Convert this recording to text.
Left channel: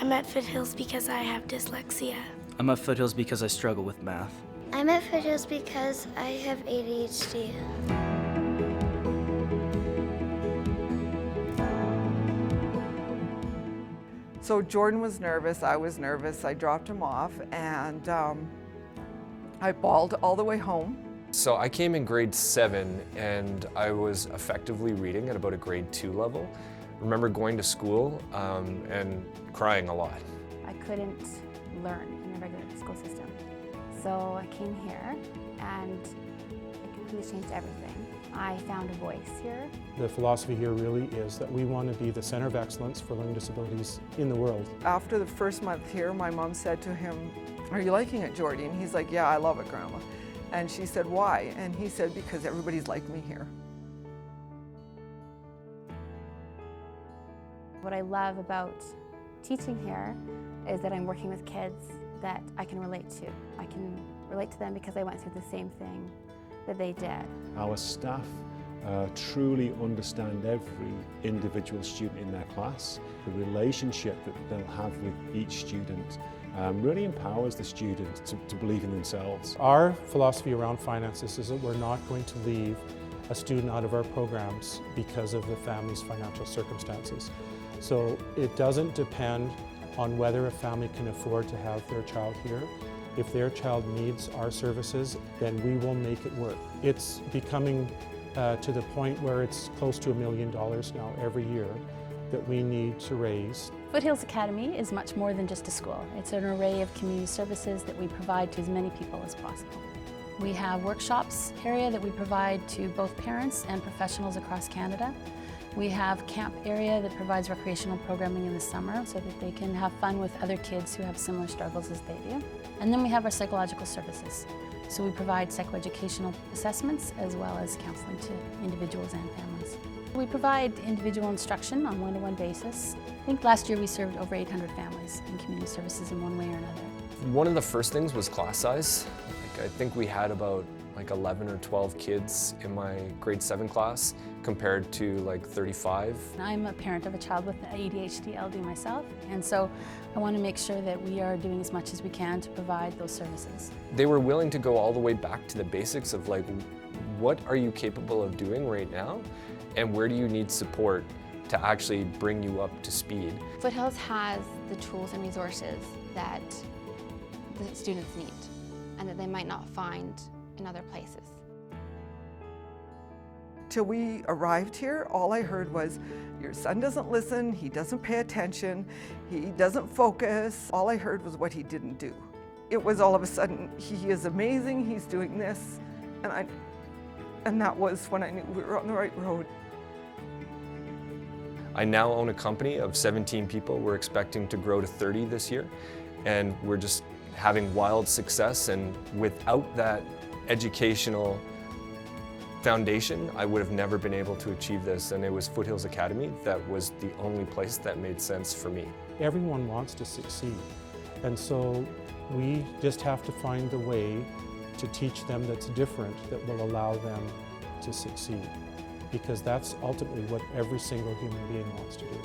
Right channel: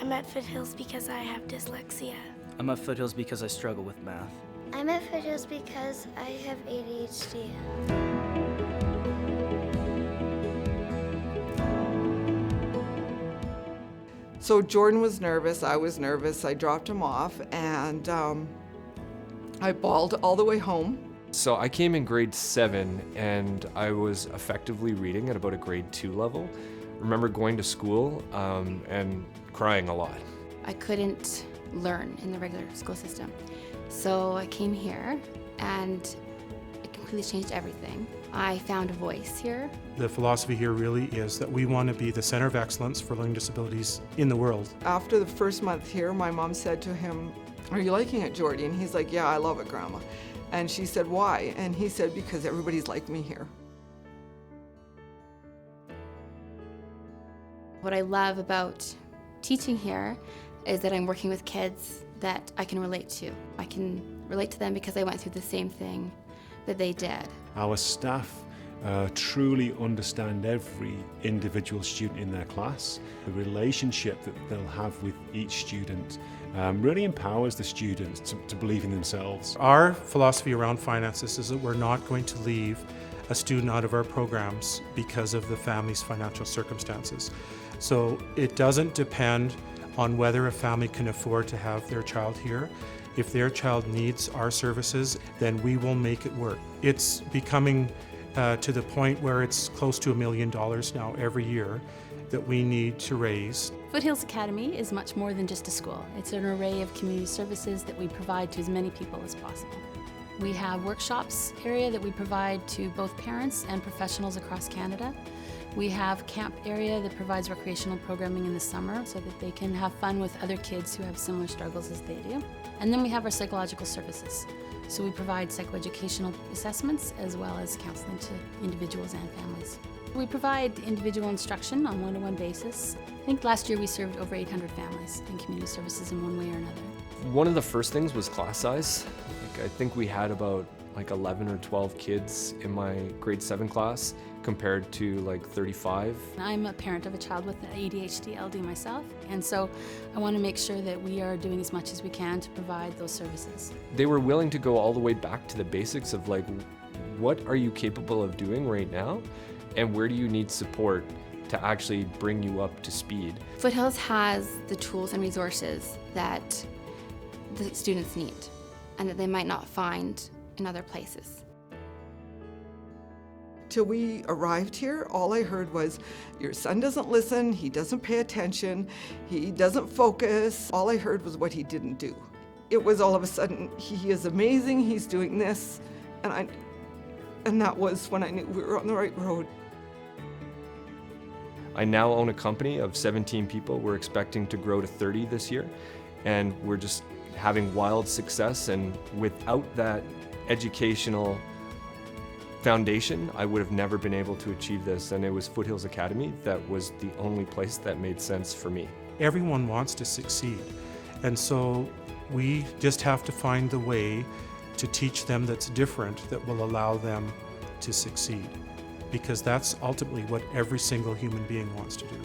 I'm at Foothills because I have dyslexia. I'm at Foothills because I struggle with math. I'm at Foothills because I have ADHD. So Jordan was nervous, I was nervous, I dropped him off, and I bawled all the way home. So I came in grade 7 and I was effectively reading at about a grade 2 level. Remember going to school and crying a lot. I couldn't learn in the regular school system. So I came here and it completely changed everything. I found a voice here. The philosophy here really is that we want to be the center of excellence for learning disabilities in the world. After the first month here, my mom said to him, "Are you liking it, Jordy?" And he's like, "Yeah, I love it, Grandma." And she said, "Why?" And he said, "Because everybody's like me here." What I love about teaching here is that I'm working with kids that I can relate to. I can relate to them because I went through the same thing that they did. Our staff truly understand every individual student in their class. The relationship that they'll have with each student really empowers the students to believe in themselves. Our philosophy around finances is that we're not going to leave a student out of our programs because of the family's financial circumstances. So it doesn't depend on whether a family can afford to have their child here. If their child needs our services, then we will make it work. It's becoming to the point where it's close to $1 million now every year that we need to raise. Foothills Academy is much more than just a school. It's an array of community services that we provide to as many people as possible. We have workshops area that we provide to both parents and professionals across Canada. We have camp area that provides recreational programming in the summer so that they can have fun with other kids who have similar struggles as they do. And then we have our psychological services. So we provide psychoeducational assessments as well as counseling to individuals and families. We provide individual instruction on one-to-one basis. I think last year we served over 800 families in community services in one way or another. One of the first things was class size. I think we had about 11 or 12 kids in my grade 7 class compared to 35. I'm a parent of a child with ADHD LD myself, and so I want to make sure that we are doing as much as we can to provide those services. They were willing to go all the way back to the basics of what are you capable of doing right now and where do you need support to actually bring you up to speed. Foothills has the tools and resources that the students need and that they might not find in other places. Till we arrived here, all I heard was, "Your son doesn't listen, he doesn't pay attention, he doesn't focus." All I heard was what he didn't do. It was all of a sudden, he is amazing, he's doing this, and that was when I knew we were on the right road. I now own a company of 17 people. We're expecting to grow to 30 this year, and we're just having wild success, and without that educational foundation, I would have never been able to achieve this, and it was Foothills Academy that was the only place that made sense for me. Everyone wants to succeed, and so we just have to find the way to teach them that's different, that will allow them to succeed, because that's ultimately what every single human being wants to do.